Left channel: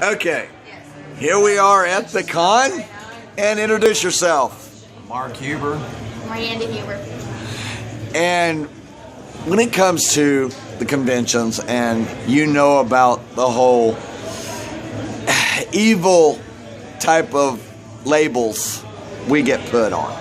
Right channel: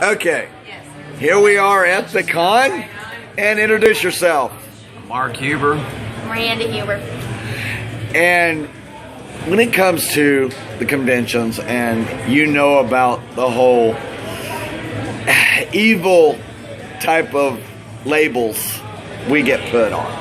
Okay, here we are at the con, and introduce yourself. Mark Huber. Miranda Huber. And when it comes to the conventions, and you know about the whole evil type of labels we get put on,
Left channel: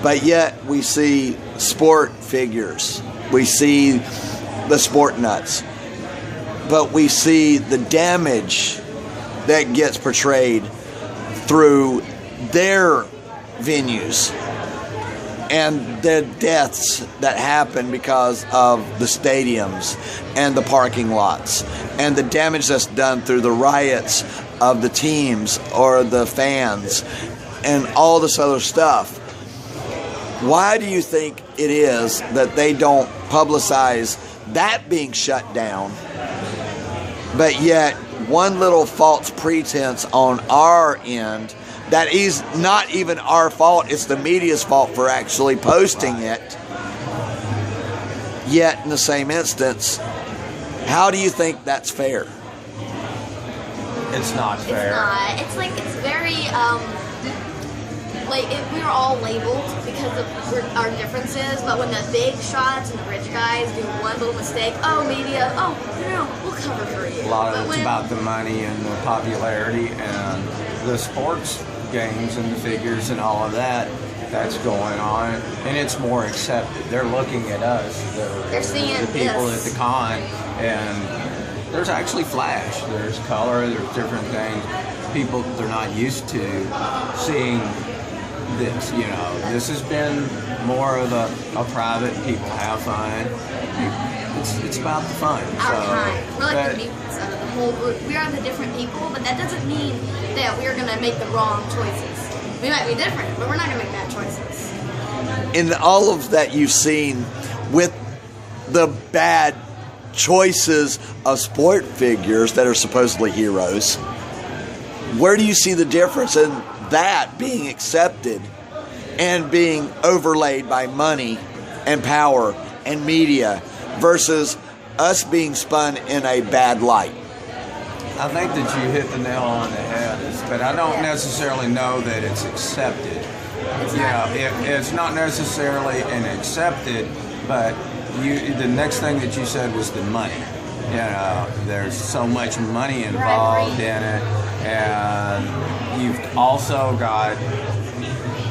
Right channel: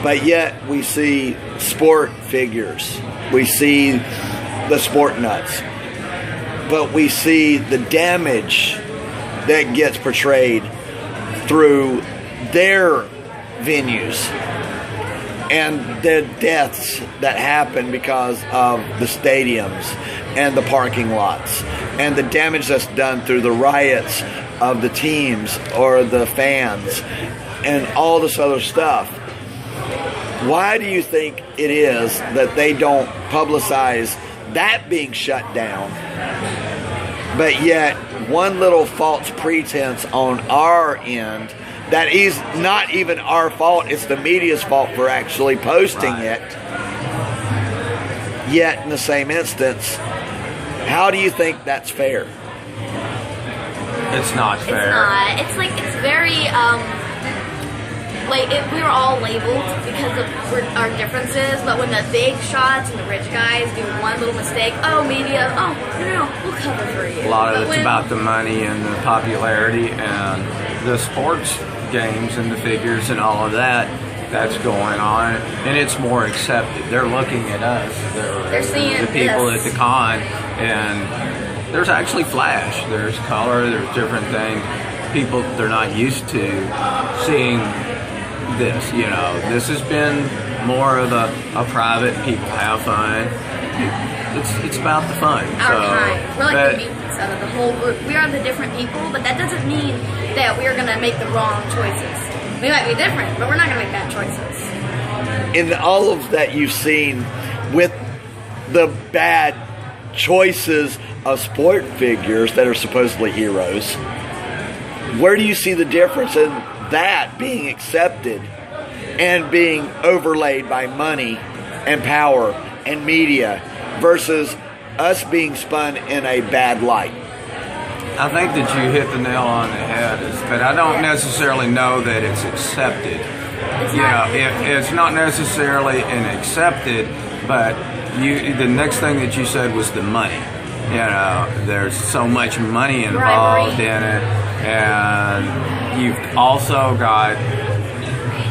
but yet we see sport figures, we see the sport nuts, but we see the damage that gets portrayed through their venues and the deaths that happen because of the stadiums and the parking lots and the damage that's done through the riots of the teams or the fans and all this other stuff. Why do you think it is that they don't publicize that being shut down, but yet one little false pretense on our end that is not even our fault, it's the media's fault for actually posting it, yet in the same instance, how do you think that's fair? It's not fair. It's not. It's like, it's very, we were all labeled because of our differences, but when the big shots and the rich guys do one little mistake, oh, media, oh, no, we'll cover for you. A lot of it's about the money and the popularity and the sports games and the figures and all of that that's going on, and it's more accepted. They're looking at us. They're seeing the people this. at the con, and there's actually flash. There's color. There's different things. People, they're not used to seeing this. You know, this has been more of a private. People have fun. It's about the fun. Our kind. We're like the meats out of the whole group. We are the different people, but that doesn't mean that we're going to make the wrong choices. We might be different, but we're not going to make bad choices. In all of that you've seen with the bad choices of sport figures that are supposedly heroes, where do you see the difference in that being accepted and being overlaid by money and power and media versus us being spun in a bad light? I think that you hit the nail on the head, but I don't necessarily know that it's accepted. It's not necessarily an accepted, but the next thing that you said was the money. You know, there's so much money involved in it, and you've also got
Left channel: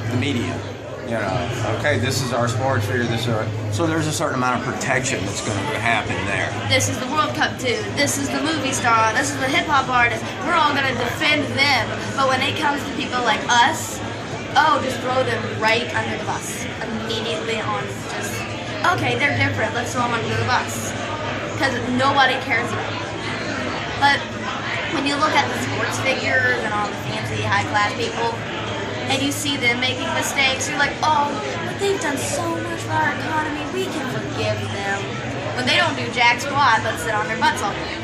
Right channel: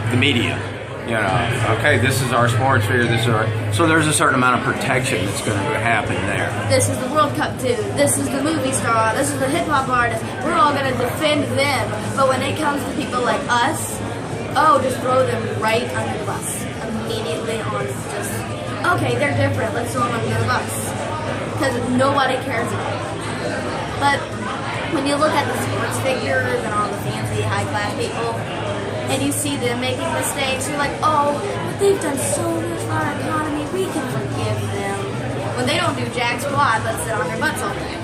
the media. You know, okay, this is our sports figure, so there's a certain amount of protection that's going to happen there. This is the World Cup dude, this is the movie star, this is the hip-hop artist, we're all going to defend them, but when it comes to people like us, just throw them right under the bus, immediately on just, okay, they're different, let's throw them under the bus, because nobody cares about it. But when you look at the sports figures and all the fancy, high-class people, and you see them making mistakes, you're like, oh, they've done so much for our economy, we can forgive them. When they don't do jack squat, but sit on their butts all day.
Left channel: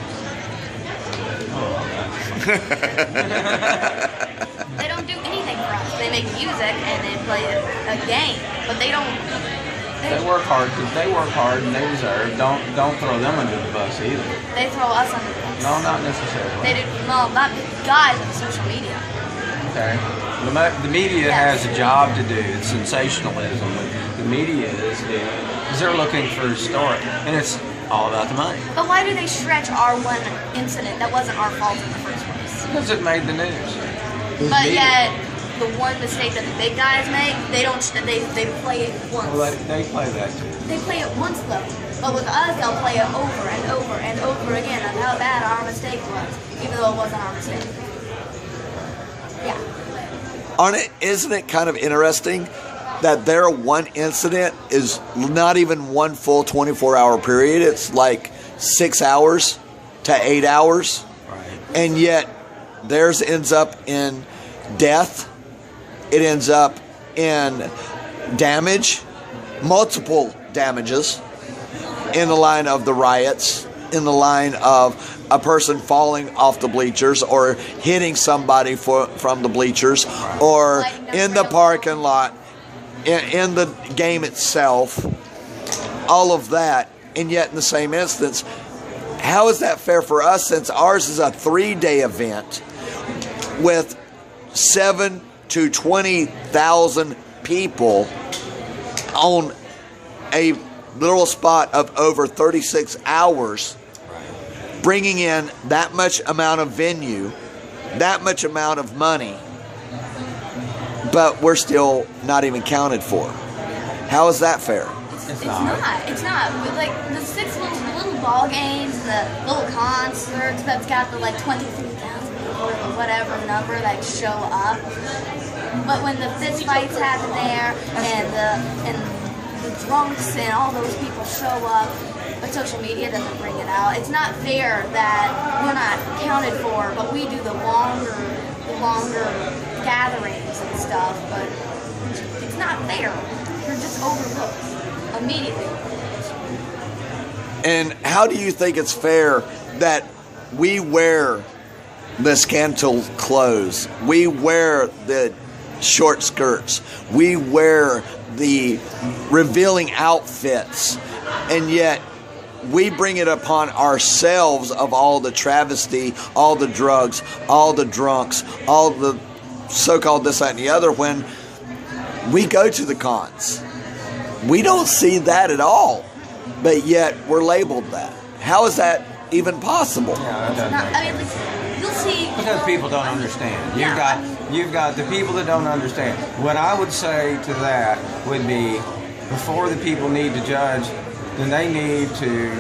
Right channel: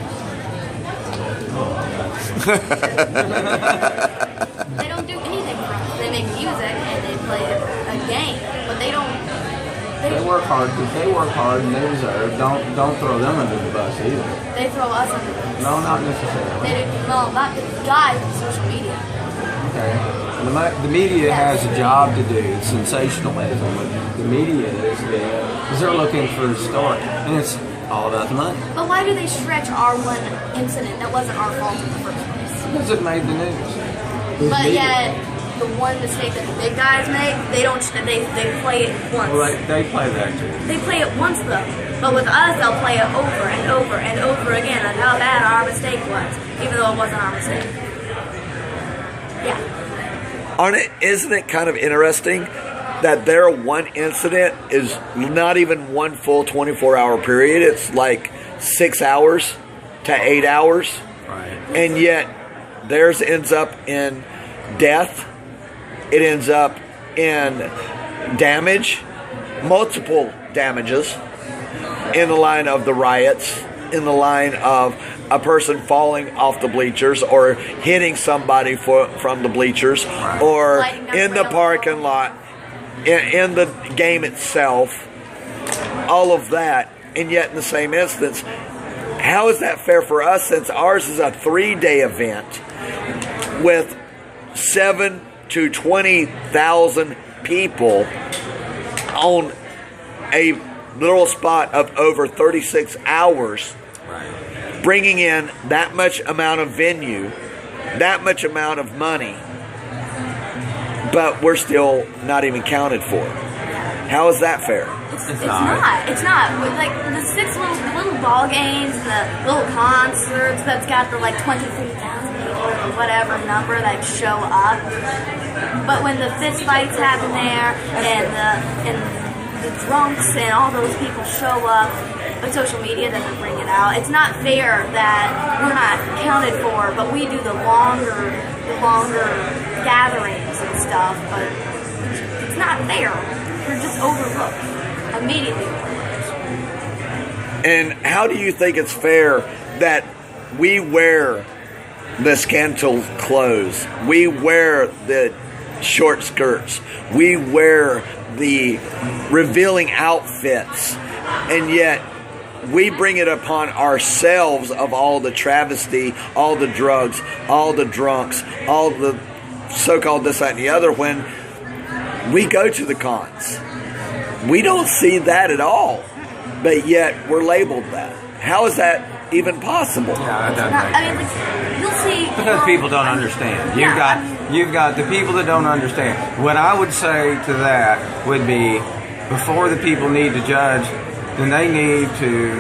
They don't do anything for us. They make music and they play a game, but they don't. They work hard. They work hard and they deserve. Don't throw them under the bus either. They throw us under the bus. No, not necessarily. They do, no, not the guys on social media. Okay. The media has a job to do. It's sensationalism. What the media is they're looking for a story, and it's all about the money. But why do they stretch our one incident that wasn't our fault in the first place? Because it made the news. But yet, the one mistake that the big guys make, they don't. They play it once. Well, they play that too. They play it once though. But with us, they'll play it over and over and over again on how bad our mistake was, even though it wasn't our mistake. Yeah. Isn't it kind of interesting that their one incident is not even one full 24-hour period? It's like 6 hours to 8 hours. Right. And yet theirs ends up in death. It ends up in damage, multiple damages in the line of the riots, in the line of a person falling off the bleachers or hitting somebody from the bleachers, or in the parking lot, in the game itself, all of that. And yet in the same instance, How is that fair for us since ours is a 3-day event with 7 to 20,000 people on a little spot of over 36 hours, bringing in that much amount of venue, that much amount of money, but we're still not even counted for? How is that fair? It's not. It's not. With like the little ball games, the little concerts that's got the like 23,000 people or whatever number that show up. But when the fist fights happen there and the drunks and all those people show up, but social media doesn't bring it out. It's not fair that we're not counted for, but we do the longer gatherings and stuff. But it's not fair. We're just overlooked. Immediately overlooked. And how do you think it's fair that we wear the scandal clothes, we wear the short skirts, we wear the revealing outfits, and yet we bring it upon ourselves of all the travesty, all the drugs, all the drunks, all the so-called this, that, and the other, when we go to the cons? We don't see that at all, but yet we're labeled that. How is that even possible? Yeah, that doesn't Not, make I mean, sense. like, you'll see. Because people don't understand. You've got the people that don't understand. What I would say to that would be, before the people need to judge, then they need to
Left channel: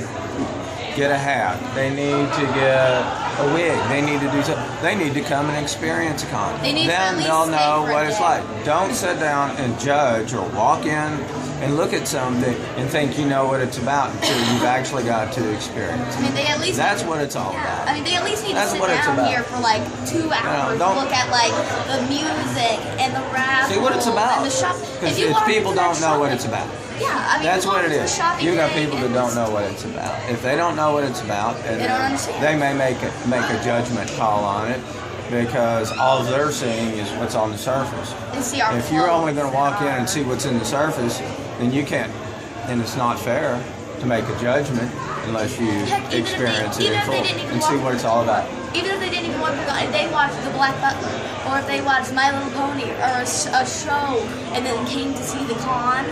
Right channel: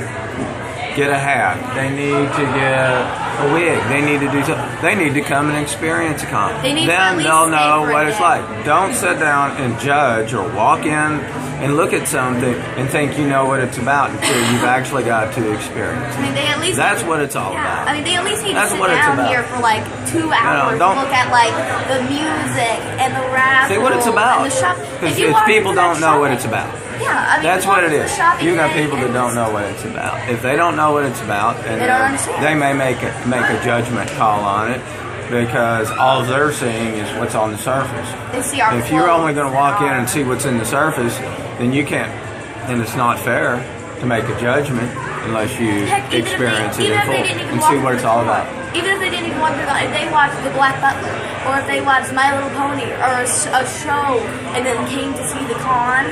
get a hat. They need to get a wig. They need to do something. They need to come and experience a con. Then They'll know what it's like. Don't sit down and judge or walk in and look at something and think you know what it's about until you've actually got to experience it. I mean, they at least. That's what it's all about. I mean, they at least need That's to sit what it's down about. here for like 2 hours and don't- look at like the music and the rap. See what it's about. And the shop. Because If you walk people into that don't know what shopping- it's about. Yeah, I mean, That's you walk what it into is. the shopping You got day people that and don't it's- know what it's about. If they don't know what it's about, and They don't understand. they may make a judgment call on it, because all they're seeing is what's on the surface. They see our If you're only clothes going to walk in our- and see what's in the surface, then you can't. And it's not fair to make a judgment unless you Heck, even if experience they- it in even if full they didn't even and walk see what through it's the all door. about. Even if they didn't even walk through the, if they watched The Black Butler, or if they watched My Little Pony, or a show, and then came to see the con,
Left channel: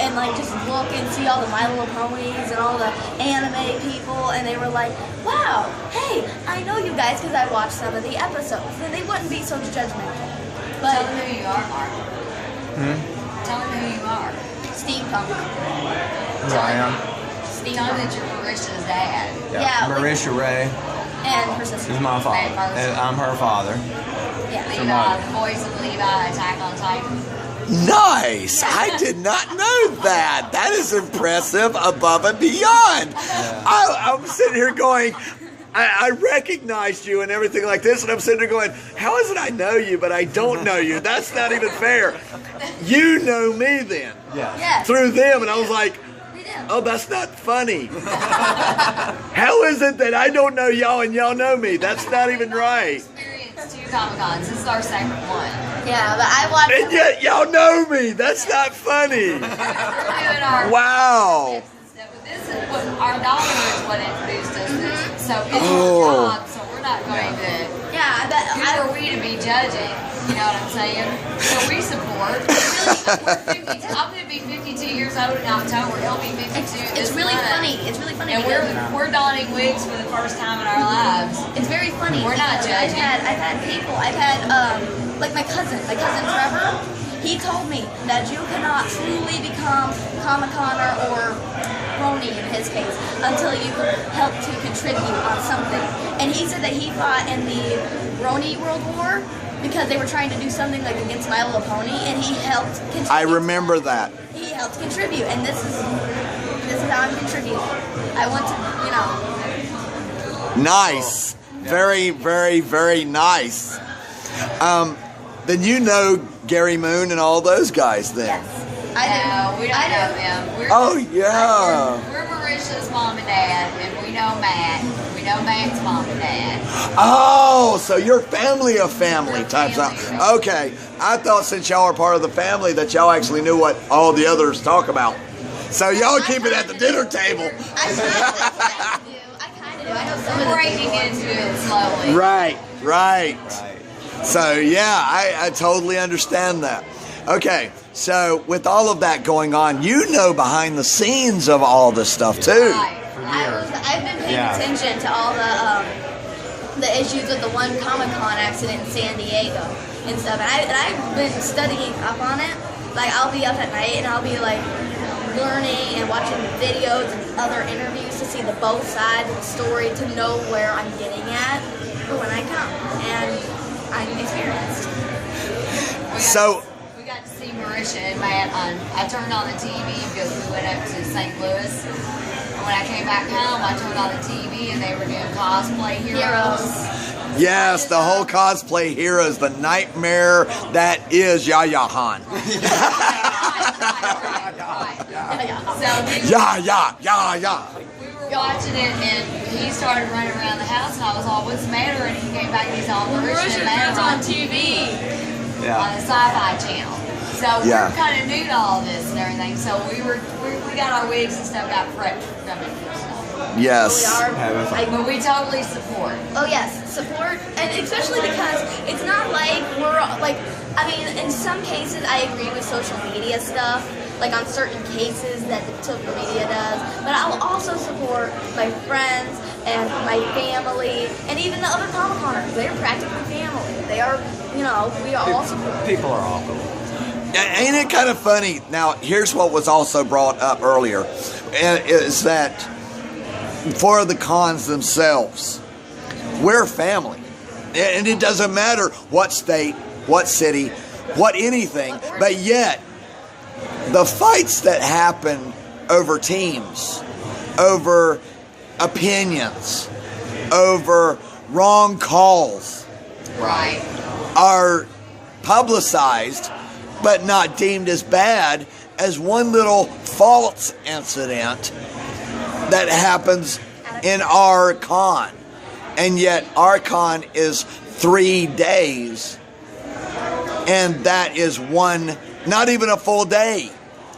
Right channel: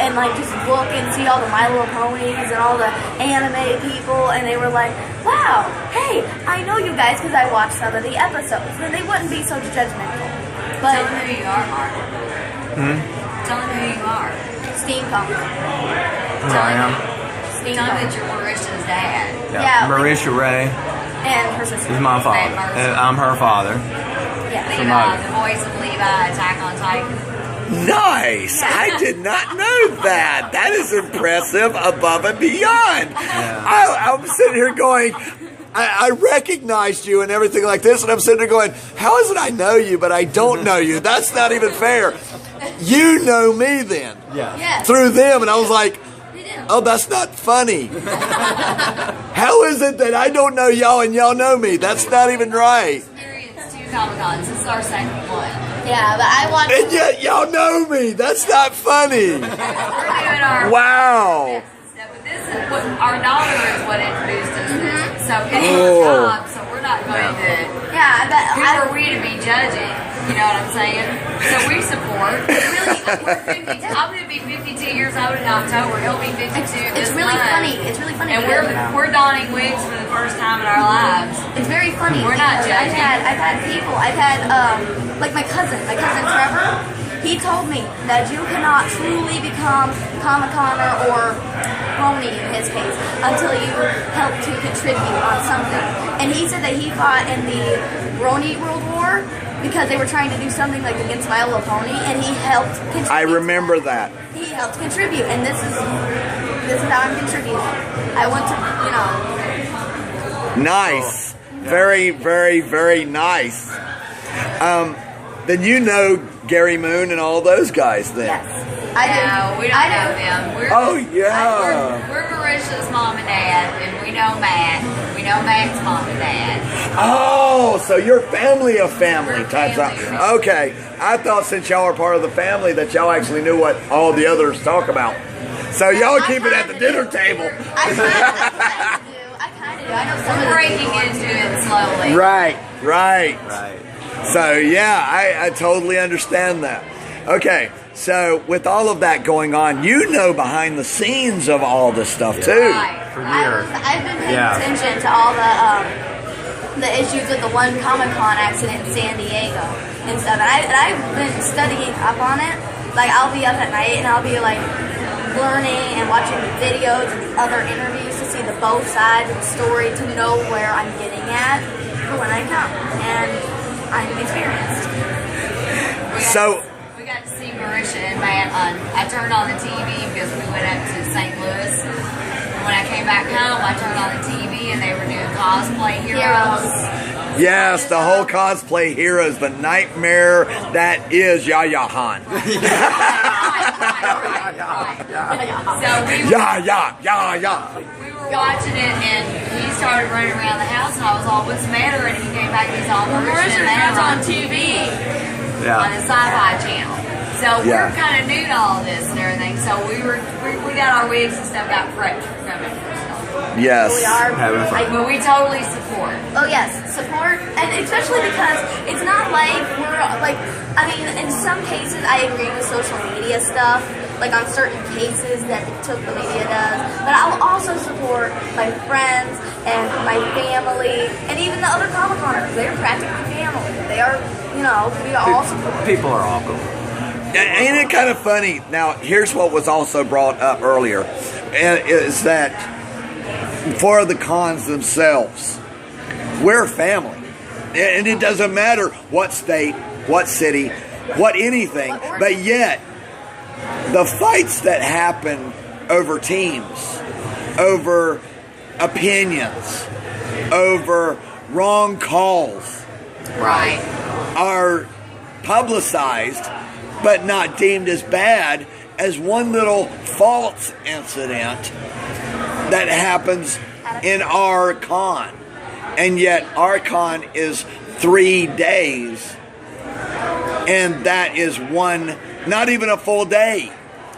and like just look and see all the My Little Ponies and all the anime people, and they were like, wow, hey, I know you guys because I watched some of the episodes. Then they wouldn't be so judgmental. Tell But them who you are, Mark. Tell them who you are. steampunk. Who I am? Tell them Steampunk. that you're Marisha's dad. Yeah, Marisha Ray And her sister. is my father. And I'm her father. Yeah. Levi, Somebody. the voice of Levi, Attack on Titan. Nice! I did not know that. That is impressive, above and beyond. I'm sitting here going, I recognized you and everything like this, and I'm sitting there going, how is it I know you, but I don't know you? That's not even fair. You know me then, Yeah. Yes. through them, and I was like, They do. oh, that's not funny. How is it that I don't know y'all and y'all know me? That's not even right. Experienced 2 Comic-Cons. This is our second one. Yeah, but I watched. And yet y'all know me. That's not funny. We're doing our Wow. stuff, but this is what our daughter is what introduced us to this. So it's Oh. our job, so we're not going to. Yeah, but Who I. are we to be judging? You know what I'm saying? So we support. Really, we're 50, I'm going to be 52 years old in October. He'll be 52 It's this really month. funny. It's really funny. And because we're donning wigs for the first time in our lives. it's very funny. We're not because judging. I've had people. I've had like my cousin Trevor. He told me that you cannot truly become Comic-Coner or Brony in his case until you help to contribute on something. And he said that he fought in the Brony World War because they were trying to do something like against My Little Pony, and he helped contribute. I remember that. He helped contribute, and this is how I'm contributing. I want to, Nice. Very, very, very nice. Then you know Gary Moon and all those guys then. yes, I do. No, we don't I know do. them. Oh, yeah. We're Marisha's mom and dad, and we know Matt. We know Matt's mom and dad. Oh, so you're family of family We're type family. stuff. Okay. I thought since y'all are part of the family that y'all actually knew what all the others talk about. So y'all keep it at the dinner table. I kind I know some of We're the breaking big ones into it do. slowly. Right. Right. So yeah, I totally understand that. Okay, so with all of that going on, you know behind the scenes of all this stuff too. Right. For years. I've been paying Yeah. attention to all the issues with the one Comic-Con accident in San Diego and stuff. And I've been studying up on it. Like, I'll be up at night and I'll be like learning and watching videos and other interviews to see the both sides of the story, to know where I'm getting at for when I come. And I'm experienced. So We got to see Marisha and Matt on. I turned on the TV because we went up to St. Louis. When I came back home, I turned on the TV and they were doing cosplay heroes. yes, the whole cosplay heroes, the nightmare that is Yaya Han. So we were, Yeah. we were watching it and he started running around the house and I was all, what's the matter? And he came back and he's all, Marisha and Matt are on TV on Yeah. the Sci-Fi channel. So Yeah. we're kind of new to all this and everything. So we got our wigs and stuff, got fresh from it. Yes. We are. Having fun. But we totally support. Oh yes, support, and especially because it's not like we're like. I mean, in some cases, I agree with social media stuff, like on certain cases that the social media does. But I'll also support my friends and my family, and even the other Comic-Coners. They're practically family. They are, we are all support. People are all cool. Ain't it kind of funny? Now, here's what was also brought up earlier, and is that for the cons themselves, we're family. And it doesn't matter what state, what city, what anything, but yet the fights that happen over teams, over opinions, over wrong calls Right. are publicized but not deemed as bad as one little false incident that happens in our con. And yet our con is 3 days, and that is one, not even a full day.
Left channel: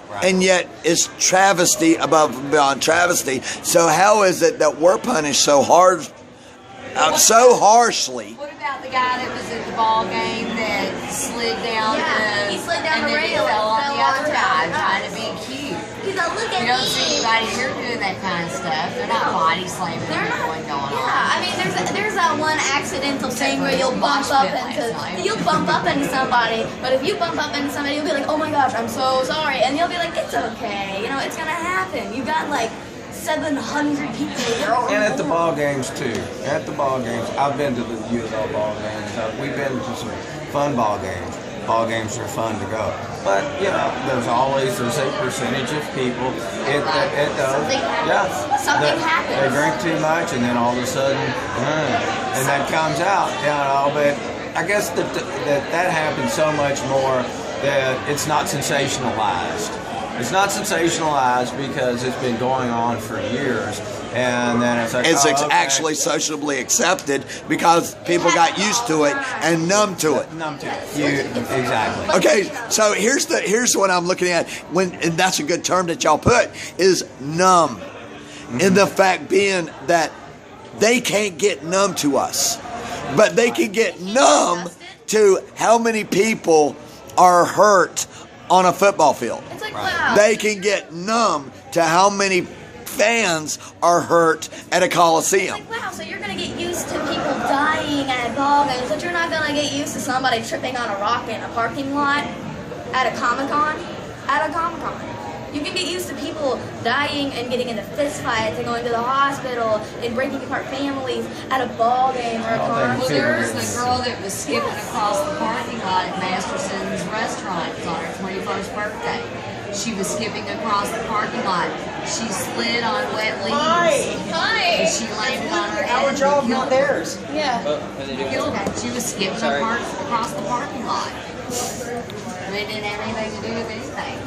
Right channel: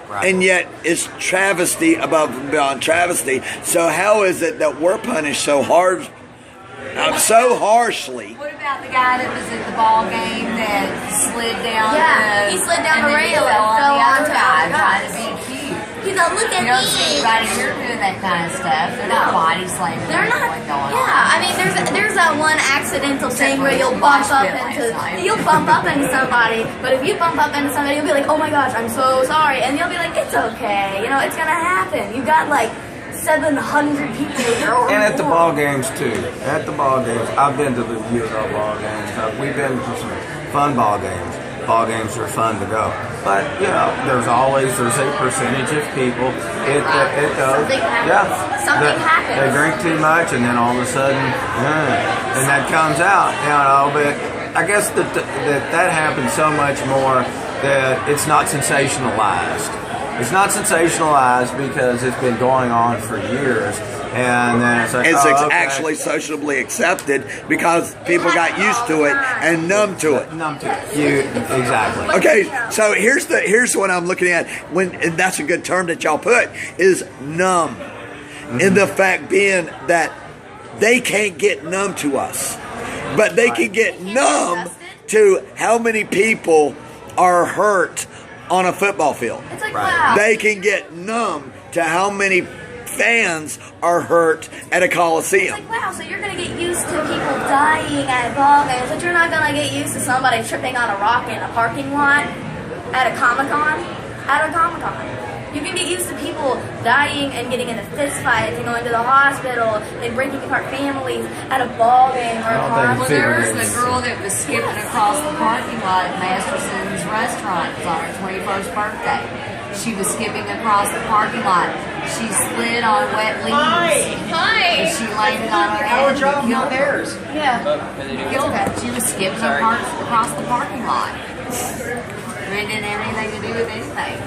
Right. And yet it's travesty above and beyond travesty. So how is it that we're punished so hard, so harshly? What about the guy that was at the ball game that slid down Yeah, the... he slid down and the then he rail fell on and the fell other on guy top. trying to be cute. He's like, look at You don't me. see anybody here doing that kind of stuff. They're not body slamming They're not. anyone going Yeah, on. I mean, there's that one accidental thing for where you'll the bump mosh up pit last into night. somebody, but if you bump up into somebody, you'll be like, oh my gosh, I'm so sorry, and you'll be like, it's okay, it's gonna happen. You got like 700 people here. And at the ball games too. At the ball games, I've been to the USL ball games. We've been to some fun ball games. Ball games are fun to go, but there's a percentage of people. It does. Something happens. Something happens. They drink too much, and then all of a sudden, and that comes out. But I guess that happens so much more that it's not sensationalized. It's not sensationalized because it's been going on for years, and then it's like It's okay. actually socially accepted because people got used to it and numb to it. Numb to it. Exactly. Okay, so here's what I'm looking at, and that's a good term that y'all put, is numb. And the fact being that they can't get numb to us, but they can get numb to how many people are hurt on a football field. It's like, Right. wow. They can get numb to how many fans are hurt at a coliseum. It's like, wow, so you're gonna get used to people dying at ball games, but you're not gonna get used to somebody tripping on a rock in a parking lot at a Comic-Con? At a Comic-Con. You can get used to people dying and getting into fist fights and going to the hospital and breaking apart families at a ball game or a Well, concert. Well, there was the girl that was skipping across the parking lot at Masterson's restaurant. It was on her 21st birthday. She was skipping across the parking lot. She slid on wet leaves. And she landed on her head. Our job, not theirs. Yeah. Killed her. She was skipping across the parking lot. It didn't have anything to do with anything.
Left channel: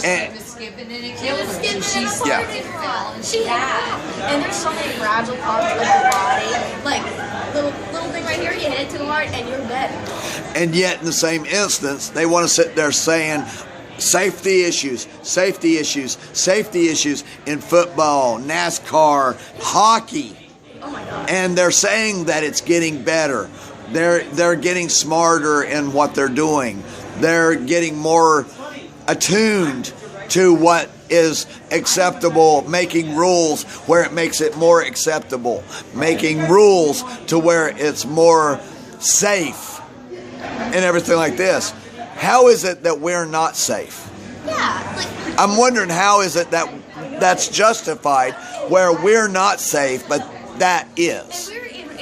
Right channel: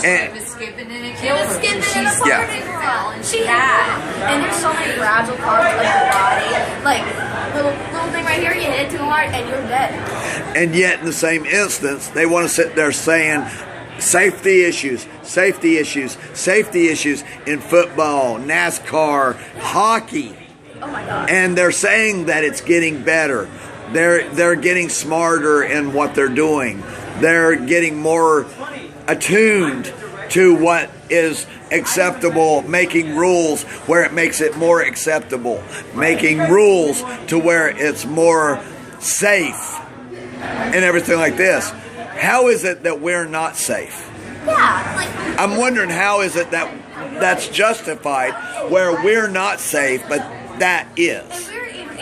She And- was skipping and it killed her. Skipping So in a she parking slipped and fell lot. and She she had died. that. And there's so many fragile parts of the body. Like, little thing right here, you hit it too hard and you're dead. And yet, in the same instance, they want to sit there saying safety issues in football, NASCAR, hockey. Oh my God. And they're saying that it's getting better. They're getting smarter in what they're doing. They're getting more attuned to what is acceptable, making rules where it makes it more acceptable, making rules to where it's more safe and everything like this. How is it that we're not safe? Yeah, like, I'm wondering how is it that that's justified where we're not safe, but that is.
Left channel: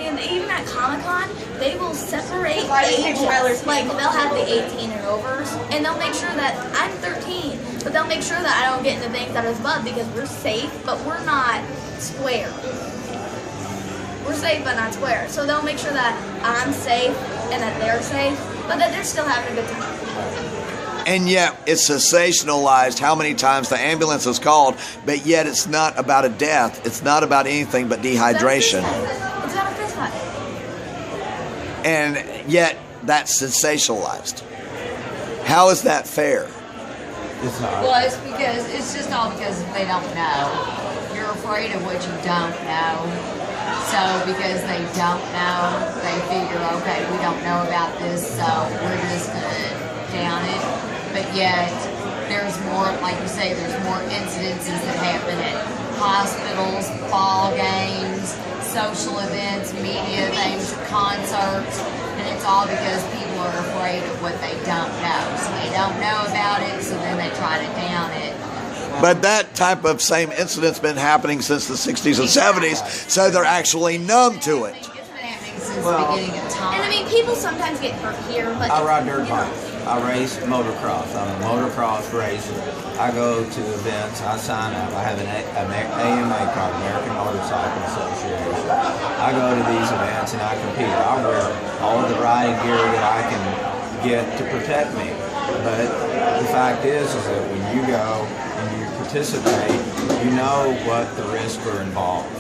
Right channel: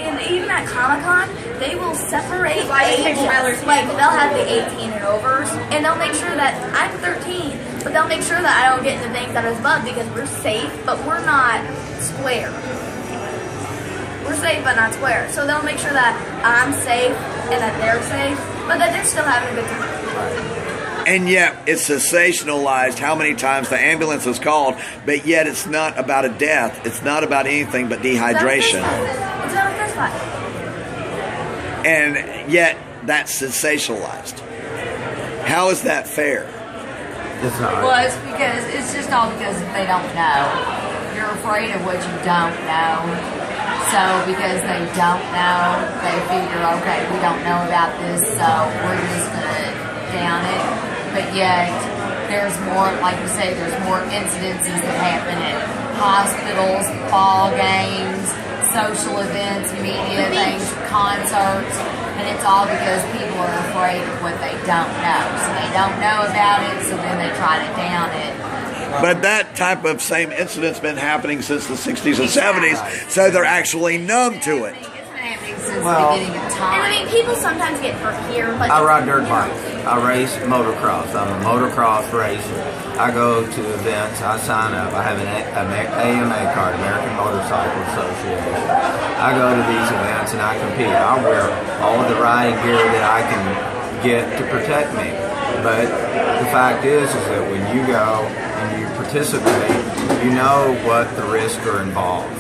and even at Comic-Con, they will separate ages. Like, they'll have the 18 and overs, and they'll make sure that I'm 13, but they'll make sure that I don't get into things that is bug because we're safe, but we're not square. We're safe, but not square. So they'll make sure that I'm safe and that they're safe, but that they're still having a good time. And yet it's sensationalized how many times the ambulance is called, but yet it's not about a death. It's not about anything but dehydration. It's not a fist fight. And yet that's sensationalized. How is that fair? It's not. Well, it's because it's just all because they don't know. You're afraid of what you don't know. So because they don't know, they figure, okay, we don't know about this, so we're just gonna down it. But yet, there's more, like you say, there's more incidences that happen at hospitals, ball games, social events, media things, concerts, and it's all because people are afraid of what they don't know. So they don't know about it, so then they try to down it. But that type of same incident's been happening since the 60s and 70s, so they're actually numb to it. It's been happening since the beginning of time. And I mean, people sometimes get hurt here, but I ride dirt bikes. I race motocross. I'm a motocross racer. I go to events. I sign up. I have an AMA card, American Motorcycle Association. I go to these events and I compete. I wear all of the riding gear that I can get to protect me. But the fact is that when you go and you participate, you know what the risks are involved.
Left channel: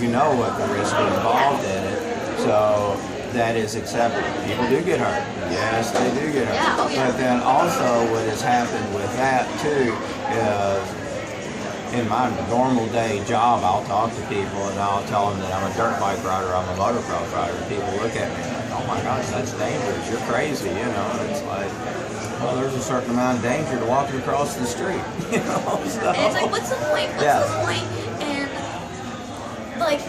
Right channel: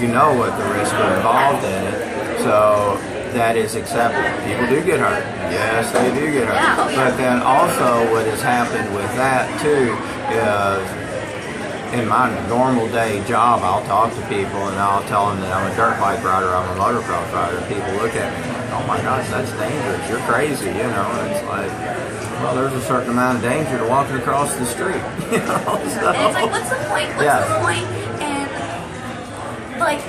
You know what the risks are involved in it. So that is accepted. People do get hurt. Yes, they do get hurt. Yeah, oh, yeah. But then also what has happened with that too is in my normal day job, I'll talk to people and I'll tell them that I'm a dirt bike rider, I'm a motocross rider. And people look at me like, oh my gosh, that's dangerous. You're crazy, you know. And it's like, well, there's a certain amount of danger to walking across the street, you know. So, and it's like, what's the point? What's the point in, like,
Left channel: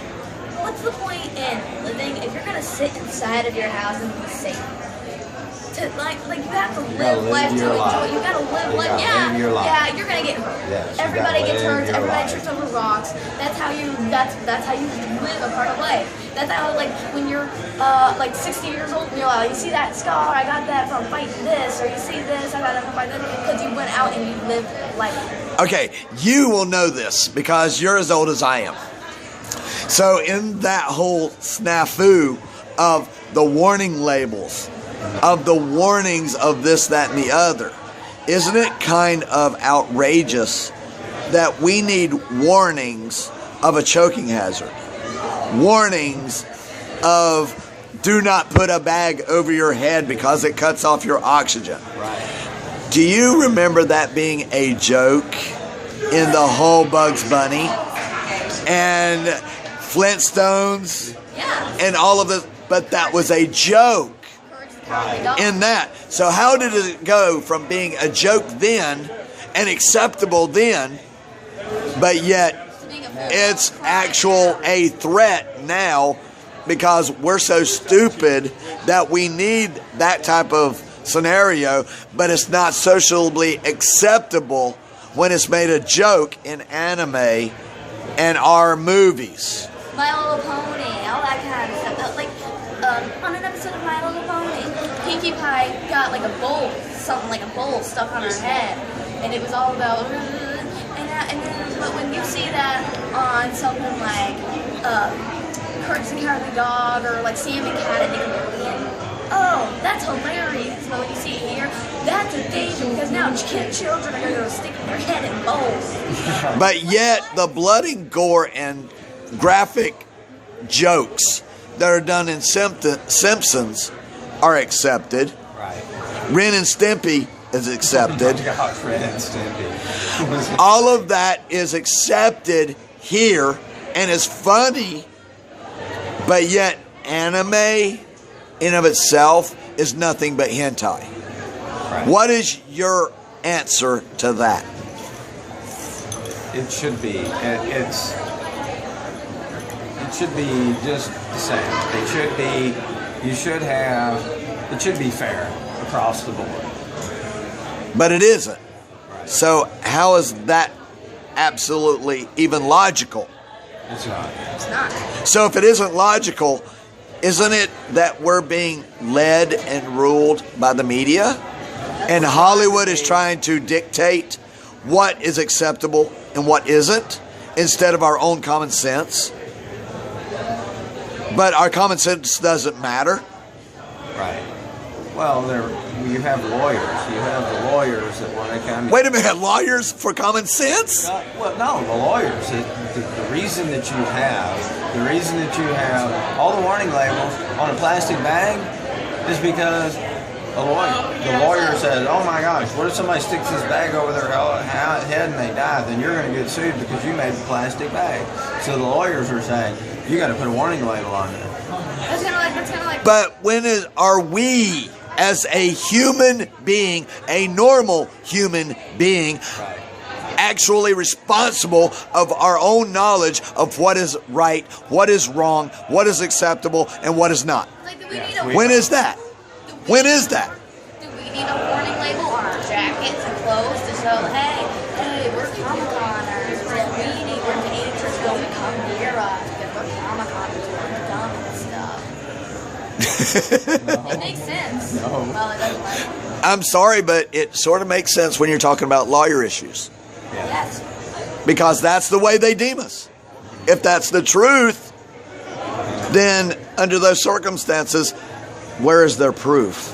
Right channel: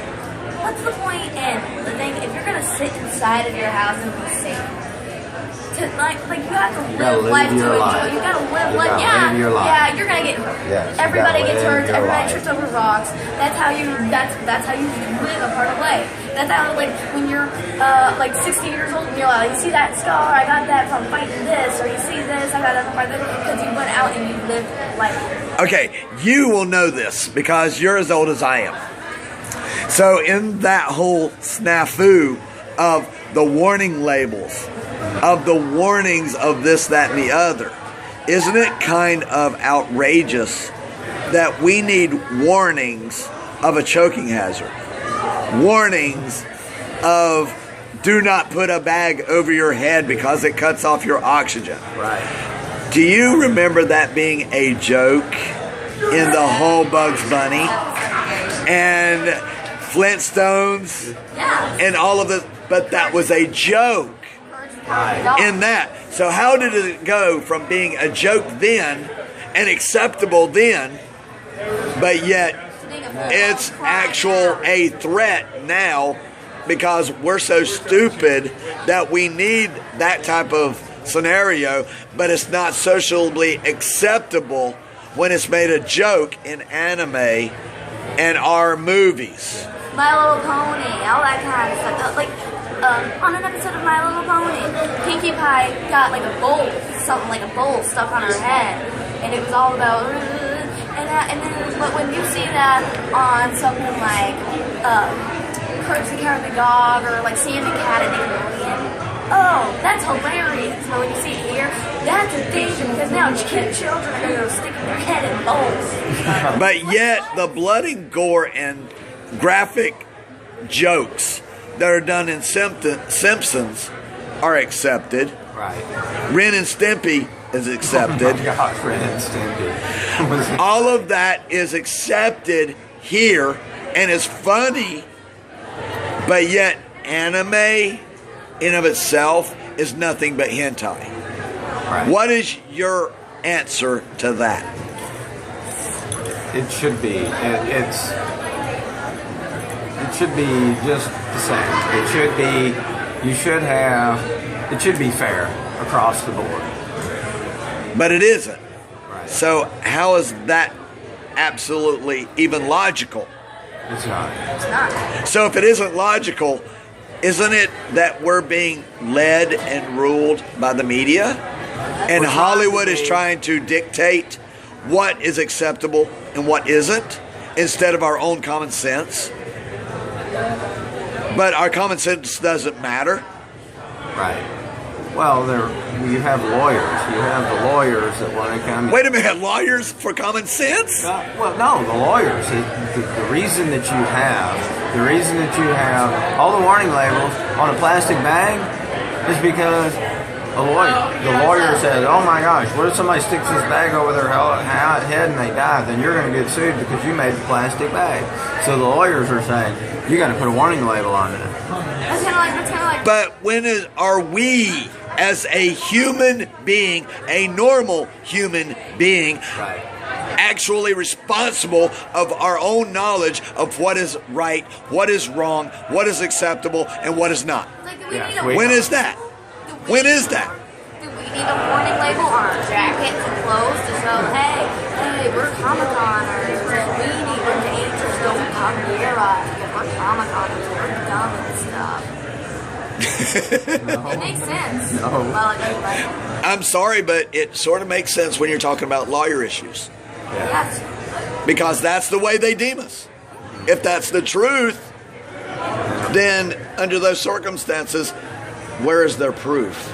what's the point in living if you're gonna sit inside of your house and be safe? To like you have to live life to enjoy. You gotta live life. Live your life. Yeah, you're gonna get hurt. Yes, Everybody gets hurt. your Everybody life. trips over rocks. That's how you live a part of life. That's how, like, when you're like 60 years old and you're like, you see that scar? I got that from fighting this, or you see this? I got that from fighting this, because you went out and you lived life. Okay, you will know this because you're as old as I am. So in that whole snafu of the warning labels, of the warnings of this, that, and the other, isn't it kind of outrageous that we need warnings of a choking hazard? Warnings of do not put a bag over your head because it cuts off your oxygen. right. Do you remember that being a joke in the whole Bugs Bunny and Flintstones and all of this? But that was a joke Right. in that. So how did it go from being a joke then and acceptable then, but yet it's actual a threat now because we're so stupid that we need that type of scenario, but it's not socially acceptable when it's made a joke in anime and our movies. My Little Pony, all that kind of stuff. Like, on an episode of My Little Pony, Pinkie Pie got like a bowl, something like a bowl stuck on her head, and it was all about. But when you see that on something like Courage the Cowardly Dog or like Sam the Cat and Nickelodeon, oh, that's hilarious. But when you see it here, that's a danger because now children are going to stick their head in bowls. But yet the blood and gore and graphic jokes that are done in Simpsons are accepted. Right. Ren and Stimpy is accepted. Oh my gosh, Ren and Stimpy. All of that is accepted here and is funny But yet, anime in of itself is nothing but hentai. Right. What is your answer to that? It should be. It should be just the same. It should be. You should have. It should be fair across the board. But it isn't. Right. So how is that absolutely even logical? It's not. It's not. So if it isn't logical, isn't it that we're being led and ruled by the media? And We're trying Hollywood to is be- trying to dictate what is acceptable and what isn't, instead of our own common sense. But our common sense doesn't matter. Right. Well, you have lawyers. You have the lawyers that want to come. Wait a minute, lawyers for common sense? Well, no, the lawyers. The reason that you have all the warning labels on a plastic bag is because the lawyer says, "Oh my gosh, what if somebody sticks this bag over their head and they die? Then you're going to get sued because you made the plastic bag." So the lawyers are saying, "You got to put a warning label on that." That's kind of like. But are we, as a human being, a normal human being, Right. actually responsible of our own knowledge of what is right, what is wrong, what is acceptable, and what is not? Like, do we Yeah, need a we- When is that? When is that? Do we need a warning label on our jackets and clothes to show, hey, we're Comic-Coners, and we need the ages don't come near us because we're Comic-Coners, we're dumb and stuff. It makes sense. No. Well, it doesn't like, I'm sorry, but it sort of makes sense when you're talking about lawyer issues, Yeah. yes. because that's the way they deem us. If that's the truth, then under those circumstances, where is their proof?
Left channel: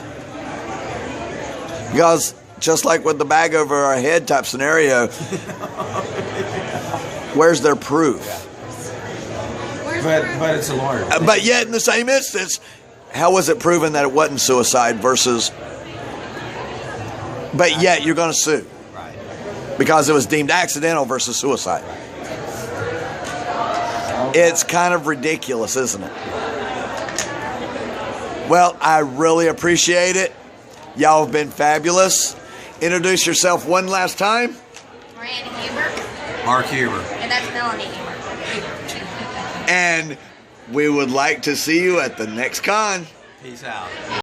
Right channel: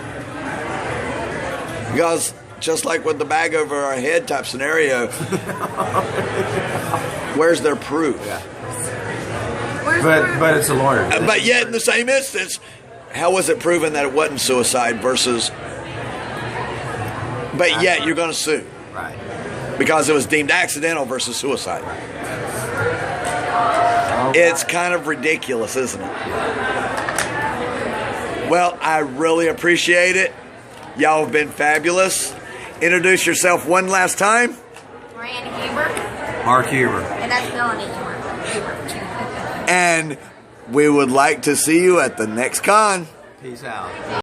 Because just like with the bag over our head type scenario, where's their proof? Yeah. Where's the proof? But it's a lawyer. But yet, in the same instance, how was it proven that it wasn't suicide versus? But yet, you're going to sue Right. because it was deemed accidental versus suicide. It's kind of ridiculous, isn't it? Well, I really appreciate it. Y'all have been fabulous. Introduce yourself one last time. Rand Huber, Mark Huber. and that's Melanie Huber. And we would like to see you at the next con. Peace out.